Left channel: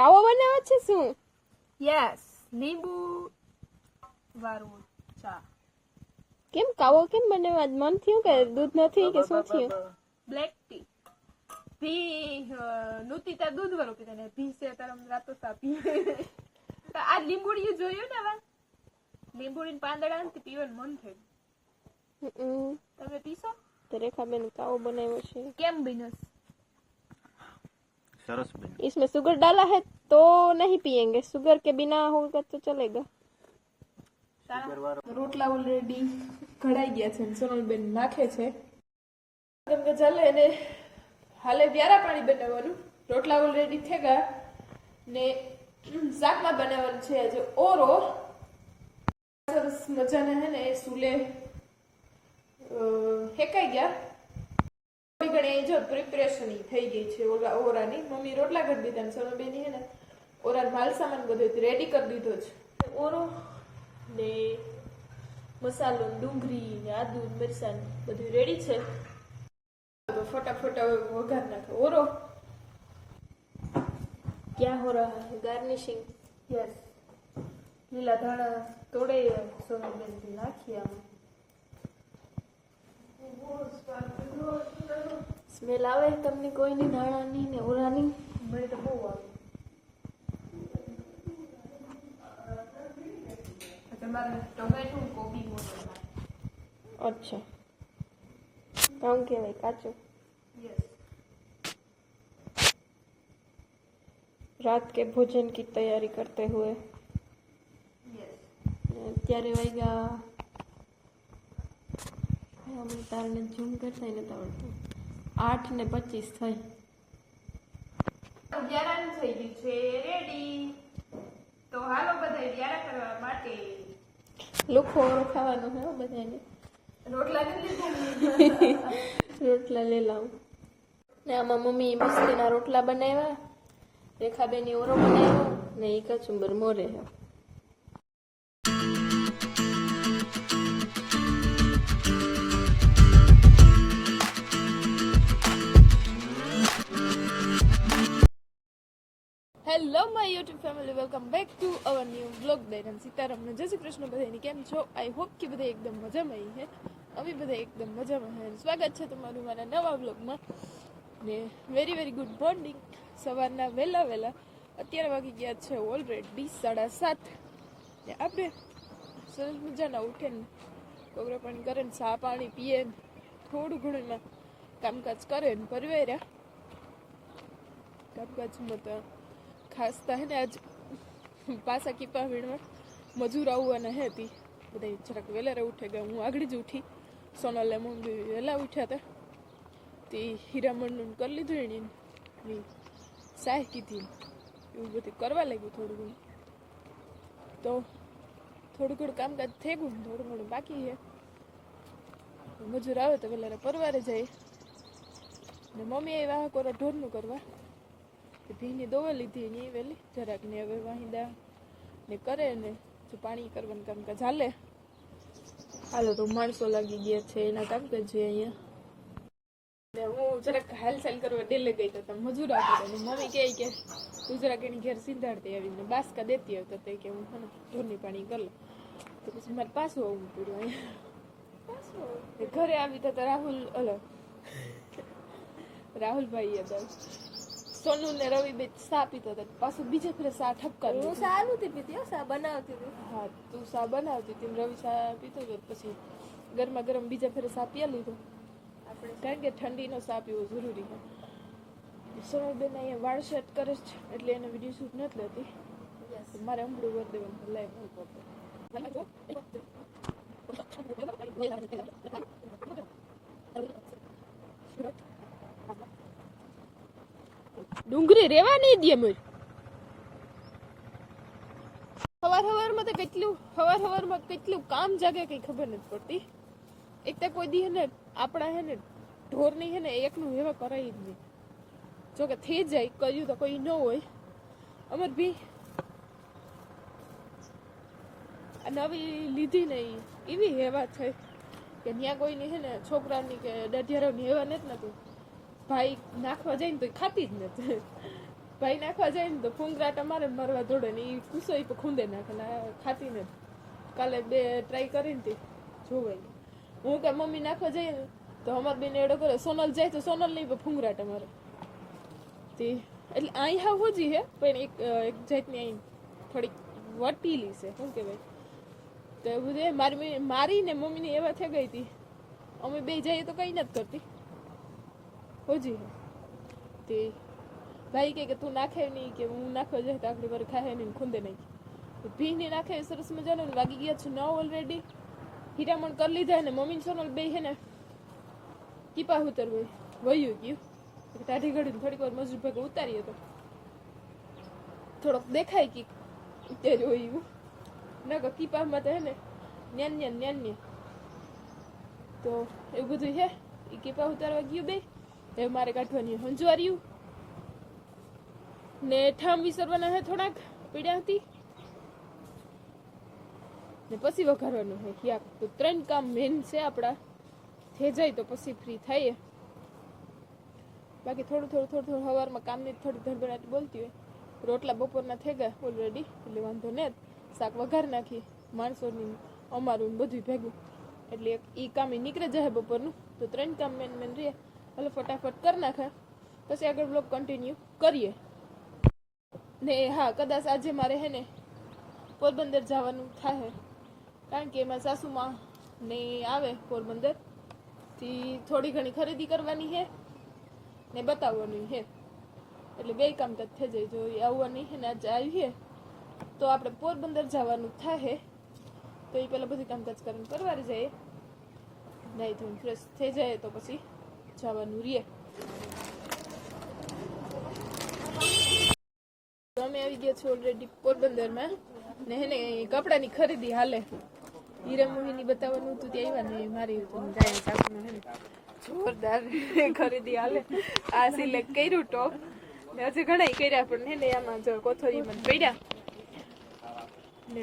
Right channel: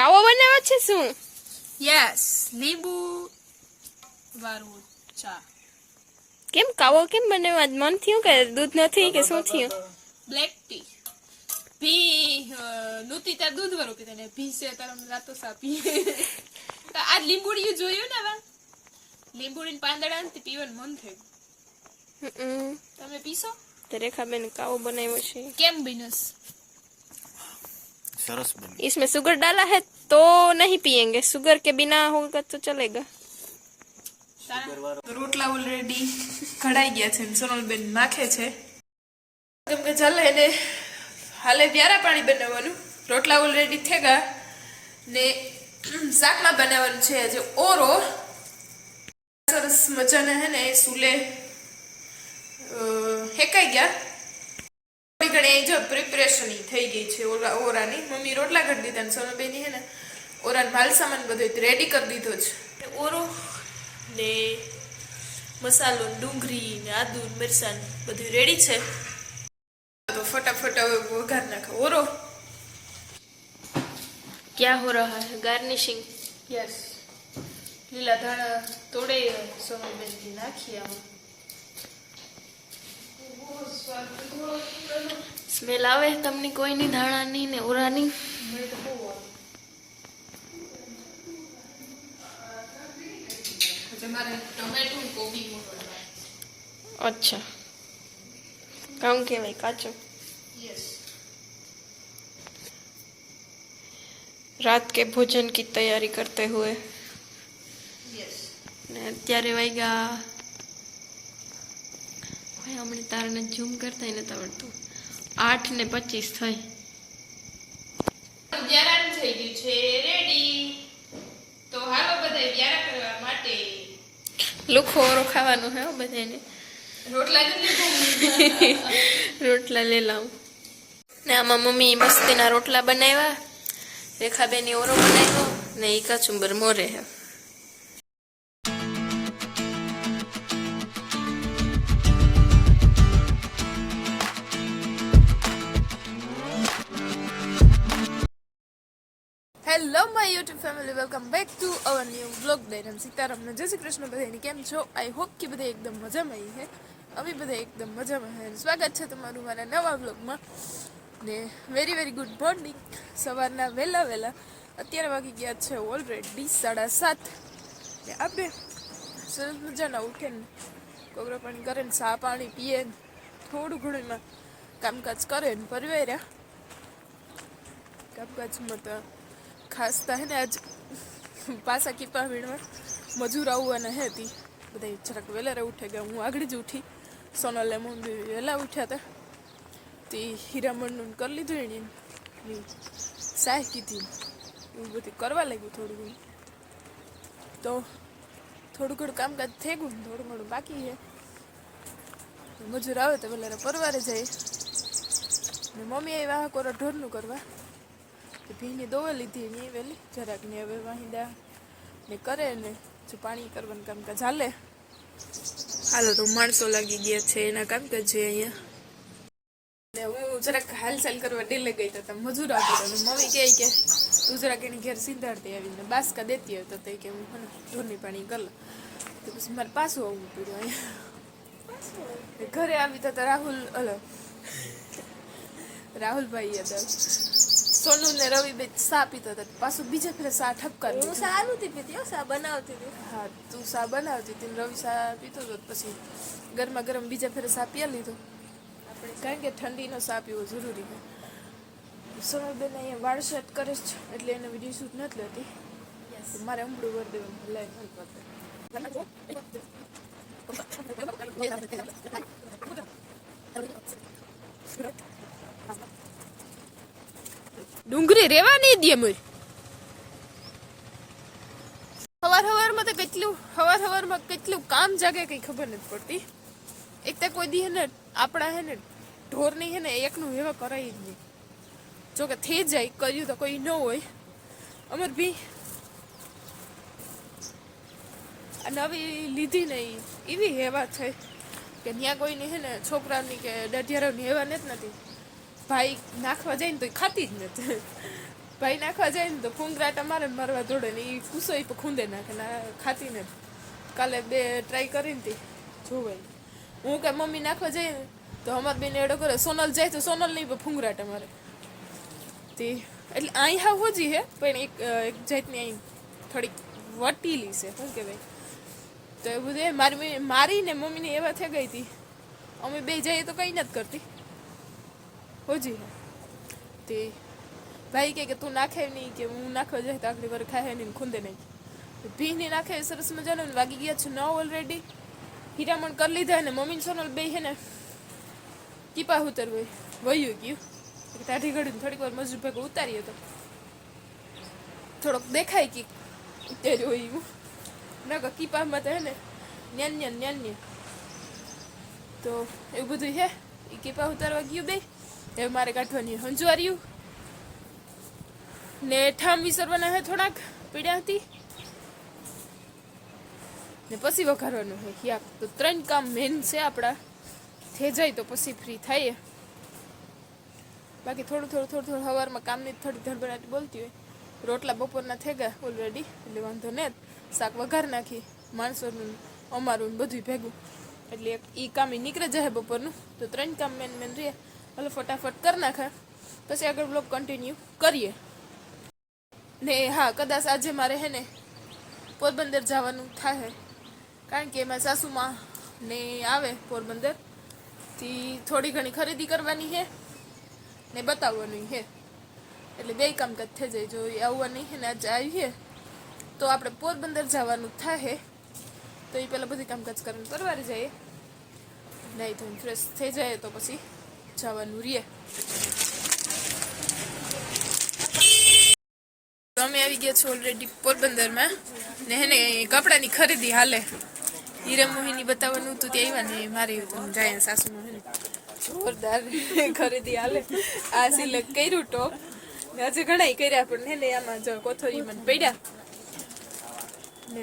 કાવો બનાવ્યો છે શું? યસ, લીંબુ વાળું ચા. કેમ કાવો કેમ બનાવ્યો? મન થયું કે દૂધ નથી કે શું થયું? Black tea. ભી નૂતી તાર દૂધ વાળું પીતા ને ભી છે તાર રાતો સાપી. તો આ લીંબુડિયું જોયું ને વા? લીંબુડીને પાંદડા ને પીવાનું મન થયું. તમે પીશો? તો રેખાબેન કાવો બનાવ્યો છે. કેમ બિનસ? सरस बनी. इसमें शुगर डाला है तो नहीं पियेंगे, शुगर के बिना होगा तो चलेगा. રોટલા ઓલરેડી ઘડાઈ ગયા છે, સોનલબેન નાખે છે કેમ કે ચાલે એને હાલે વ્યારા પાણી બનાવવાનું. રોટલા ઓલરેડી થઈ ગયા ને શાકમાં બનાવવાનું છે આજે ઓરો. સરસ મજાના હે ને સુલે હેકાઈ ગયા. થોડી ઘણી જો પ્રિપરેશન થઈ ગઈ છે ઓરાની. મમ્મી રોટલા કરી દીધા ને સોનલબેની હે ને ઓરાનો માલ સામાન બધો રેડી કરી દીધો છે. ઓરો ને મસાલો, ડુંગળી ને આદુ મરચાં બધું રેડી છે. તો ફટાફટ વઘાર નાખો ઓરો. क्या हो रहा है? गार्निशिंग. યસ, લીલા ધાણા તોડે સોનલબેનથી નાખીએ આમાં. સ્મેલ આવે તમને કોઈની ધાણાની ને ઓરાની? મને તો બહુ આવે. તમારે ટોમેટો કોબી મોટો. अच्छा, કામ કેવાય કાચો. યસ, रात के भोजन की तैयारी करते हुए યસ. ને અત્યારે વાગ્યા ભાઈ હમણાં તારને ઝૂમ કરતા નથી આવડતું. 8:25 થઈ. વ્યારાન થઈ ગયું છે રેડી. તો હાલો બધા વ્યારા કરવા માટે લુખો ઓરો ખાવાનું હે બધાને. રોટલા નથી રોટલા લઈ લાવું ને આમાં મમ્મી મસ્તીના રોટલા બનાવ્યા, રેખાબેની ઓરો બનાવ્યો ને ઈ કચુંબર મોરે હે. Hello my YouTube family, welcome back to our new vlog. ડેરમ સીતારામને જય શ્રી કૃષ્ણ બધાની. કેમ છો? આઈ હોપ કે બધા એકદમ મજામાં હે. અમે બધા એકદમ મજામાં હે. સ્વાગત છે તમારું મારા નવા વ્લોગમાં. ને વેરી વેરી ગુડ મોર્નિંગ. સવારના વહેલા અત્યારે વાગી ગયા છે ઓલરેડી 7:30. ને આપણે સરસ મજાના ઉઠે ને કોગરા પાણી કરે ને ચા પાણી પીએ ને થોડું ઘણું એમાં કામકાજ કરે ને પરવેર્યા. કામકાજમાં તો ખાસ તો હે ને આજ પાછા કીપા વીણવા મજૂર આવવાના હે હતી. બધા જરાક વહેલા ઉઠે ગયા. હું આગળ જ ઉઠી. સોનલે મમ્મી વહેલા ઉઠ્યા હતા તે હીરામણનું કરી લીધું એની સાહ કીધી એવું બધું કરવા લાગ્યું. થોડું ઘણું તો થોડું ઘણું કામકાજ થઈ ગયું, થોડું ઘણું બાકી છે. મજૂર આવે તો વહેલા પરવારે જાય ને મમ્મી એ વાહ કોરા ઢોરનું કરવા ભીની દોવા લીધી ને એ વહેલી જરાક ને હવે વાહિંદા ને કરે ને જો પાણી કરવાનું કામકાજ હાલે. હાલો તો માણસો લાગી ગયા છે એના કામકાજ છે અહીંયા. ને હું જરાક હાલચાલ કરવા ડેલે ગઈ તો મજૂર આવતો હતો. મમ્મી કહે કે તું જરાક એની ઘેર સીધાડતી આવીને બાસકા દેતી હોય તો તે કે હું ને ઢોરની પાણી કરી લઉં. તો પછી મારે પાછું આવવું પડ્યું અહીંયા. ઘરે આવી તો રાહુલ રાહુલભાઈ હતા. સોનુ ને રવિ બે સા પીતા હતા. પાછું બીજા ફેરે સા ઠપકારી. હું સા નથી પીતી, સા બનાવતી હતી. હા, તું સા બનાવતી હતી, રવિ સા પીતો હતો. પછી ગરમા ગરમ બીજા ફેરે સા પીયા લીધો. કારણ કે ઠંડીનો સા પીવો જરૂરી છે. સોનલબેન અહીંયા વાળ સેટ કરે છે એટલે એને વિડીયો શૂટ નથી લેતી. મારે હમણાં વર દેવાનું લાઈવ ડુંગળી રેવા નહીં દે મુર. હવારમાં તો હવારમાં કેટલું કામ જાગે કઈ ખબર નથી પડતી. એક તો કોઈ દી હે ને આપણા હે ને ઢોરની હે ને એકનું એવા કરાય જ નહીં. જોકે થઈ જાય કર્યું તો કોઈ ન હોય. અમર ભી આ નવી લીધી ને એવી હેવા છે કે ત્યાં કોઈને હે ને છોકરાની કે દઢિયારાની હેવા નથી. ભાઈ નાખવા જાય ને તો ખાતી જ નથી. ભાઈ નાખવા જાય ને તો ફૂંગરાટા મારે ને મારવા દોડે ને એ કુસો ખૂંદે નાખે ને ખાતી ને કાલે 2 ટ્રાય કરીને તી જોવાય હું કે મમ્મી નાખવા જઈએ ને તો અમાર બેન એડો કરે સોનલ જાય તો સોનલ નહીં પણ ફૂંગરાટા મારે તે એટલે અહીં હા હોજી હે પણ એક જાતની અહીં થોડીક વટીલી છે શું કહેવાય તો એ બધું મારી ને મમ્મીને એવા થઈ ગઈ હતી અમે બે જઈએ તો કંઈ નથી કરતી હોજી હે તે ભાઈ કે તું નાખે નહીં કે હું નાખવા જાય તો આખરી વાર ખાય નહીં ખૂંદે નહીં ભીને નાખે સરસ મજાનું વાગી ગયા છે 9 ઓલરેડી હીરામણ કરી લીધા ને મમ્મી સોનલ બે હે ને કીપા ઉતરવાય વયું ગયું ટાઢી ઘડી થોડીક વાર મજૂર ભેગો ઉતારીએ તો થોડોક દેખાય કે ઉતાર્યો હોય એવું ના કીપામાં તો હે ને ન્યાન્ય તો એવું બધું હે એ કીપા ઉતારવા ગયું બે હવે મારે કાઢવાની હંજવાર્યું ને ઠામ વિસરવાના હે થોડાક પીડ્યા હતી ને પછી વઘારવાનું હોય યાક તો 3 કામ મેન છે આપણા થઈ જાય તો પછી ફ્રી થાય બાકી થોડું સવારમાં કામની થોડી ધડબડાટી બોલતી હોય રોટલા બપોરના થઈ ગયા ઓલરેડી એટલે વાંધો નહીં શાક વઘાર નાખી માણસોનું અમારું બધું ભેગું એટલે એ કામ નીકળે જાય બપોરનું તો 3 કામ મેન રહે એટલે ફટાફટ કરી નાખે પછી આગળ બ્લોગ કન્ટિન્યુ કરીએ ને હા કદાચ આજે મારે હે ને પોરબંદર જવાનું થાય કારણ કે એમાં સાસુમાં ને આવે પોરબંદરથી થોડી ઘણી ખરીદી કરવાની છે ને બતાવવાનું છે એટલે 2 કામકાજ થઈ જાય જો આવવાની છે ને આજે આવી છે તો આપણે પોરબંદર જવાનું થાય તો એ પહેલાં બધી કામકાજ કરીને પરવારી જઈએ નહીં તો ફ્રેશ થઈ જાય તો પછી જવાનું રહીએ અમે આવી ગયા છો ઓલરેડી પોરબંદરમાં ને હે ને કપડાની ખરીદી હાલે હીરા મોહિની બતાવવાનું હતું ત્યાં આવ્યા ને મારી જાય સાસુમાં હે ને જોરદાર ખરીદી હાલે આ સિલેક્ટ કર્યું ટોપ ને હજી ઘણા કર્યા પણ હે ને આમાં જો કોથળીમાં પડ્યા ને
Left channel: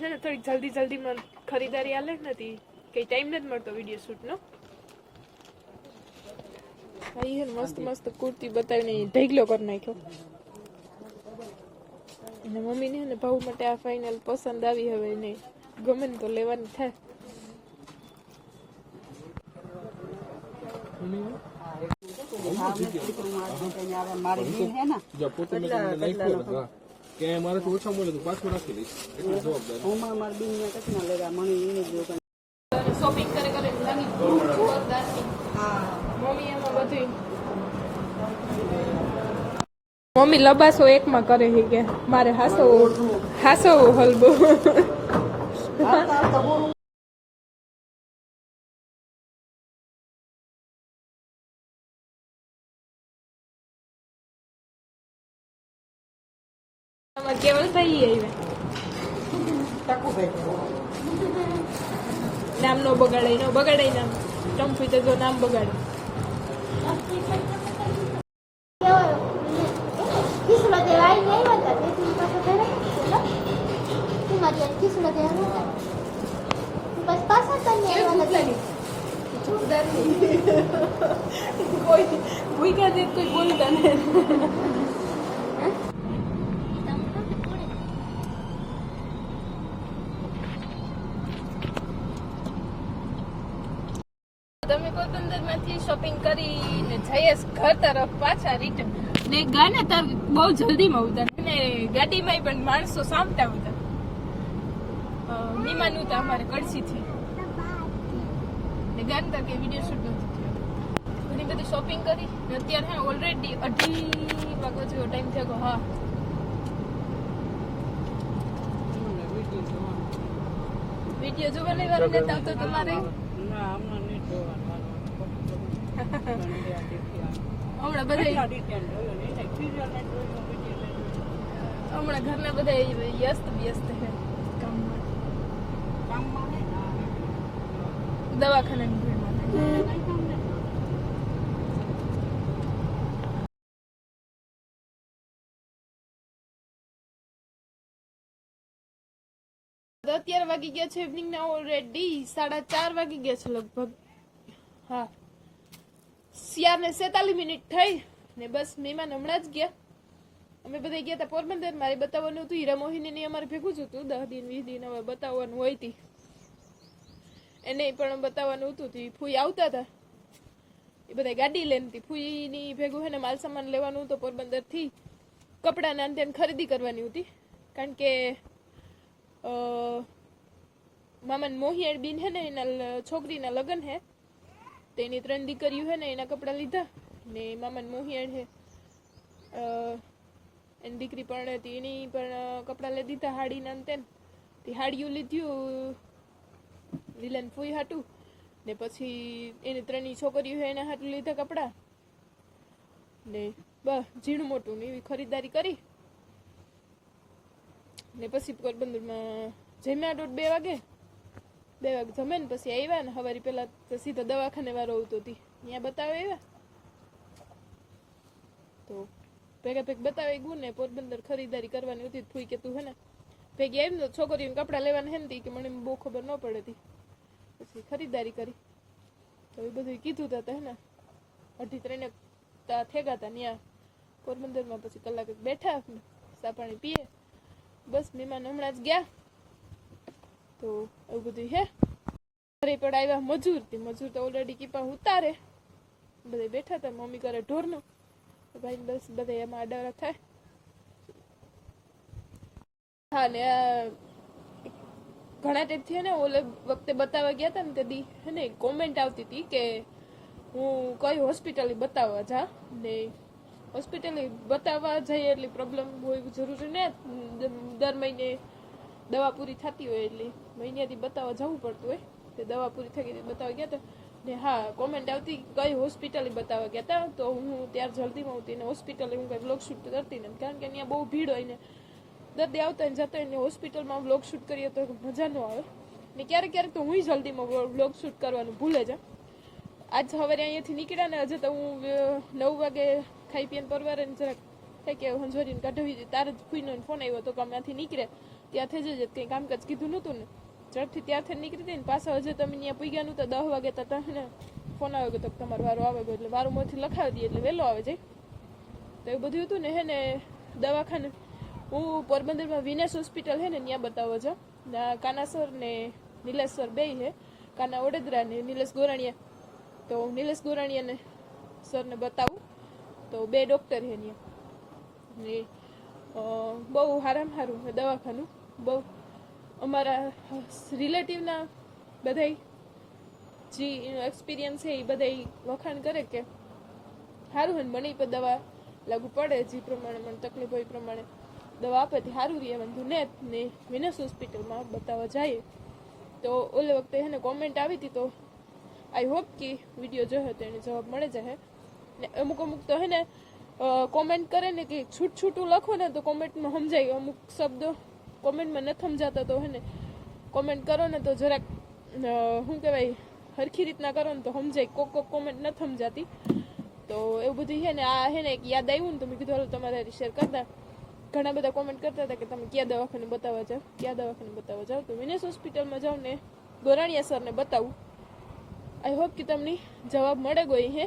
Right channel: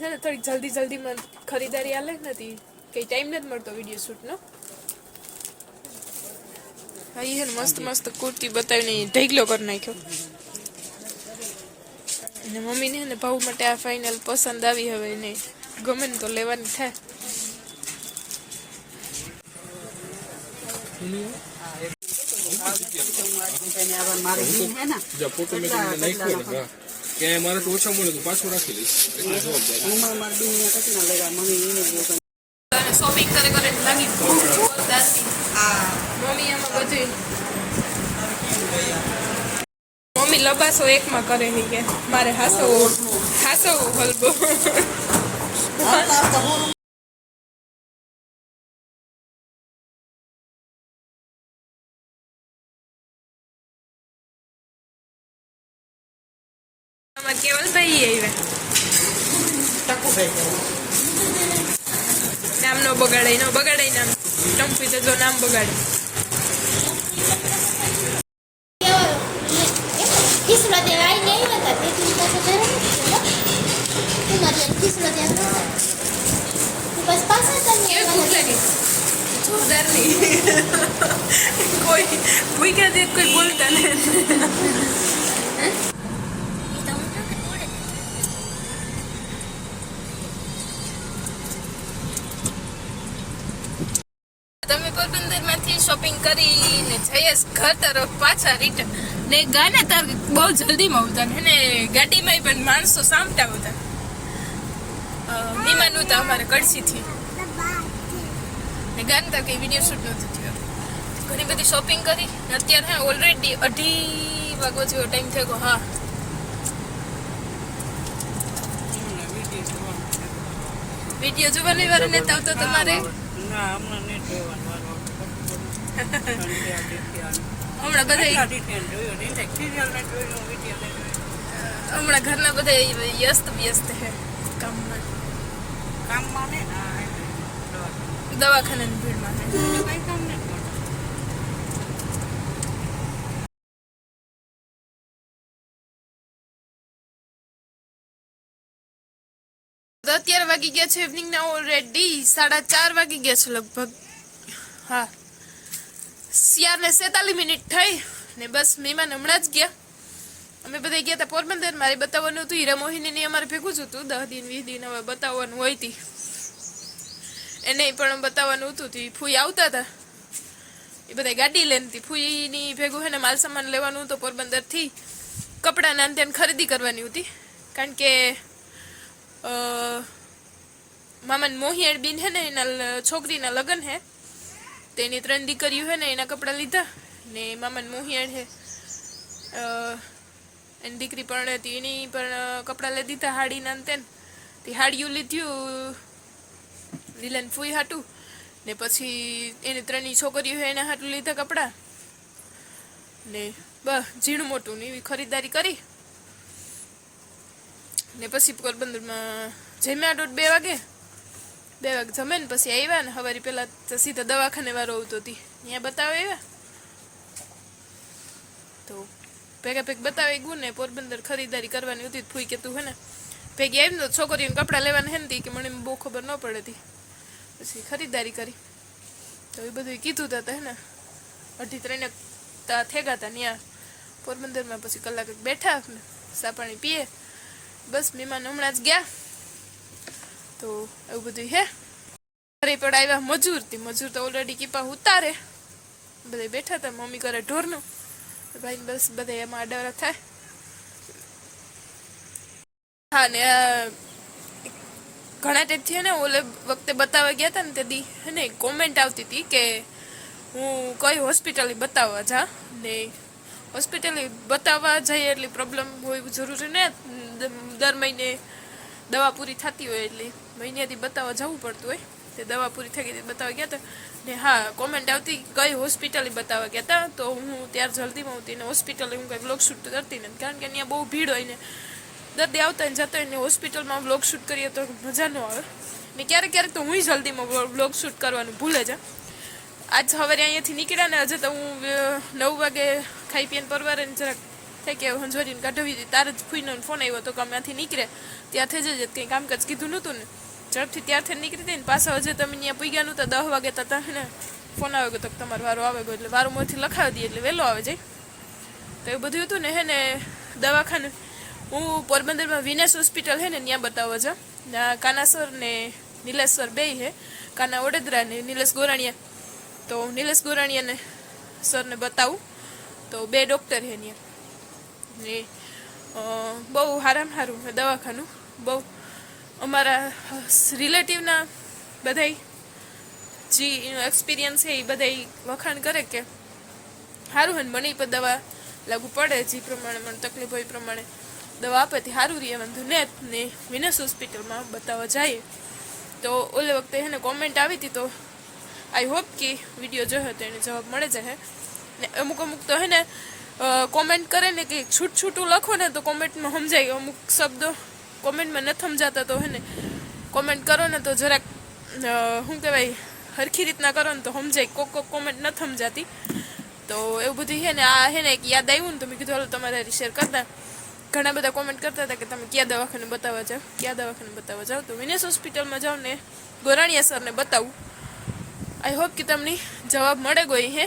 છે ને થોડીક જલ્દીમાં ખરીદારી હાલે નથી કંઈ ટાઈમ નથી મળતો વિડીયો શૂટનો ભાઈ હે ને મસ્ત કુર્તી બતાવીને ઢેગલો કરી નાખ્યો અને મમ્મીને ને ભાવ માટે આ ફાઇનલ પસંદ આવી હવે એને ગમે ને તો લેવાની થાય શોપિંગ કરે લાગી મમ્મી એમાં બધું મમ્મી લબાસો એકમાં કરે છે કે મારે હાસો હલબો કેવલભાઈ આવ્યા નામ નો બગાડાય નામ ટમ્પી તો જો નામ બગાડે જોરદાર નહીં કોઈ ભૂખ્યા દે કોઈ બોલતા નહીં તમે પોરબંદરમાંથી શોપિંગ કરીને જઈએ ઘર તરફ પાછા રિટર્ન ને ગાને તાર બહુ જલ્દીમાં ઉતાર ને ગાડીમાં પણ માણસો સામટા ઉતાર મહેમાન ઉતા અમારે કડસીથી ને ગાને તાર કંઈ વિડીયો શૂટ નહોતો થયો ઘણી બધી શોપિંગ કરી ને અત્યારે હા ઓલરેડી 2:30 વાગો જેવો ટાઈમ થઈ ગયો હા વિડીયો જોવાની વાર નેતા આવતો તમારે હમણાં બધા ઘરના બધા વ્યસ્ત છે કામમાં દવાખાનાની ભીડમાં અત્યારે વાગી ગયા છે ઇવનિંગના ઓલરેડી 4:30 વાગી ગયા છે લગભગ હા 4:47 મિનિટ થઈ ને બસ મહેમાન હમણાં જ ગયા અમે બધા ગયા હતા પોરબંદર. મારે બતાવવાનું હતું હીરા મોહિની અમારે ભેગું જ હતું 10 દિન 20 દિન હવે બતાવવાનું હોય તી એને પણ બતાવવાનું હતું. તી ફૂઈ આવતા હતા એ બધા ગાડી લઈને હતી ફૂઈની ભેગું હે ને માલ સામાન લેવાનું હતું પોરબંદરથી. કપડાના અંતે ખરીદી કરવાની હતી કારણ કે મામાને મોહિયાળ બીન હે ને એના છોકરીના લગ્ન હે તેની 3 દીકરીઓ હે ને એના કપડાં લીધા ને મામાને મોહિયાળ હે એની દીકરી પણ હતી એની પણ કપડાં લઈ દીધા હાડીના અંતે. તે હાડીયું લીધું લીલાને ફૂઈ હાટું ને પછી એની 3 છોકરીઓ હે એના હાટું લીધા કપડાં ને બસ ઝીણું મોટું ને એવી ખરીદારી કરી ને પછી પોરબંદરમાં જમ્યા 2 વાગે જમે ને પછી આવ્યા ને સવારે પહેલાં તો સીધા દવાખાને વાળો આવતો હતી ત્યાં બતાવે આવ્યા તો ભેગા બતાવી ગયું ને પોરબંદર ખરીદારી કરવાની હતી. ફૂઈ કે તું હે ને ભેગી આવી ને છોકરીઓને કપડાં લેવાના હે ને કે મને બહુ ખબર ન પડે હતી પછી ખરીદારી કરી તો એ બધું કીધું હતા હે ને 2:30 થેગા હતા ત્યાં પોરબંદરમાં. પછી કલાક બેઠા ને ચા પાણી પીએ બસ મહેમાન હમણાં જ ગયા તો એવું બધું હે. ઘરે પણ આવ્યા મજૂર તો ઓલરેડી કીપા ઉતારે બધા બેઠા હતા. મમ્મી કરે ઢોરનું ભાઈ બસ બધા એમાં આડાવરા થાય. હા ને ઘણા ટાઈપથી હે ને ઓલે વખતે બતાવવા ગયા હતા ને તે દી હે ને કોમેન્ટ આવતી હતી કે હું કઈ હોસ્પિટલે બતાવવા જા ને હોસ્પિટલે બતાવવા જઈએ એટલી પ્રોબ્લેમ હોય જરૂરી ને દર મહિને દવા પૂરી થતી હોય એટલે મહિનાથી બતાવવા જવું પડતું હોય તે દવા પૂરી થઈ ગઈ બતાવવા ગયા હતા ને હા કોમેન્ટ આવતી કઈ હોસ્પિટલે બતાવવા ગયા હતા તો હું ત્યારે જલ્દીમાં આવતી ને હોસ્પિટલે હું કંઈ વ્લોગ શૂટ કરતી નથી કારણ કે અહીંયા બહુ ભીડ હોય ને દર્દી આવતા ને જતા હોય ને હોસ્પિટલમાં વ્લોગ શૂટ કરીએ તો મજા ન આવે ને ક્યારેક તો હું જલ્દીમાં વ્લોગ શૂટ કરવાનું ભૂલે જ. આજ સવારે અહીંયાથી નીકળ્યા ને હજે તો હું 9 વાગે ખાઈ પીને પરવારે ને જરાક થઈ કે હંજવારીને કાઢવી હતી તારે જ ફૂઈનો ફોન આવ્યો તો કે અમે ત્યાંથી નીકળે ત્યાંથી જ કંઈ કામકાજ કીધું નહોતું ને ઝડપથી ત્યારથી નીકળી હતી ને પાછા હજે તમે ત્યાં પૂગ્યા નહોતા 10 વાગે તો ને ફોન આવે ગયો તો તમારો વારો આવે ગયો એટલે વારો મોરથી લખાવી દઈએ એટલે વહેલો આવે જાય તો એવું બધું હતું ને હે ને દવાખાને હું પોરબંદરમાં વિનેશ હોસ્પિટલ હે ને ત્યાં બતાવવા જા ત્યાં કાના સર ને નિલેશ સર બે હે કાના વડોદરા ને નિલેશ ગોરાણીયા તો નિલેશ ગોરાણીયાને સરને બતાવું તો 2 ડૉક્ટર હે ત્યાં ને બહુ સારું દવાખાનું બહુ અમારા રિલેટિવના બધાય જે એક્સપિરિયન્સ છે એ બધાય વખાણ કરે કે સારું હોય ને મને પણ દવા લાગુ પડે જે પ્રમાણે મને તકલીફ હોય એ પ્રમાણે દવા આપે તે સારું રહે વાંધો ને વિનેશ હોસ્પિટલમાં બતાવવા જઈએ તો ઓલે વખતે એને કોમેન્ટ આવી હતી તો આઈ હોપ કે વિડીયો જોયો તો એને જવાબ મળે જાય ને અમુક તો હે ને કોમેન્ટ કરે ને કે છૂટું લખો ને તો કોમેન્ટમાં સમજાય અમુક શબ્દો કોમેન્ટમાં નથી સમજાતા તો હે ને કોમેન્ટ કરો ને તો જરાક શું કહેવાય સરખી રીતના કરો ને તો સમજાય કોક કોમેન્ટ નથી સમજાતી તો એવું બધું છે ને આ હે ને એક યાદ આવ્યું ને તો મેં કીધું હાલો તમારે શેર કરતા ઘણા બધા કોમેન્ટ કરતા હતા કે તમે કયા દવાખાને બતાવવા જાઓ તો વિનેશ હોસ્પિટલમાં જાઓ ને ગોરાણીયા સરને બતાવું આઈ હોપ કે તમને જવાબ મળે ગઈ હે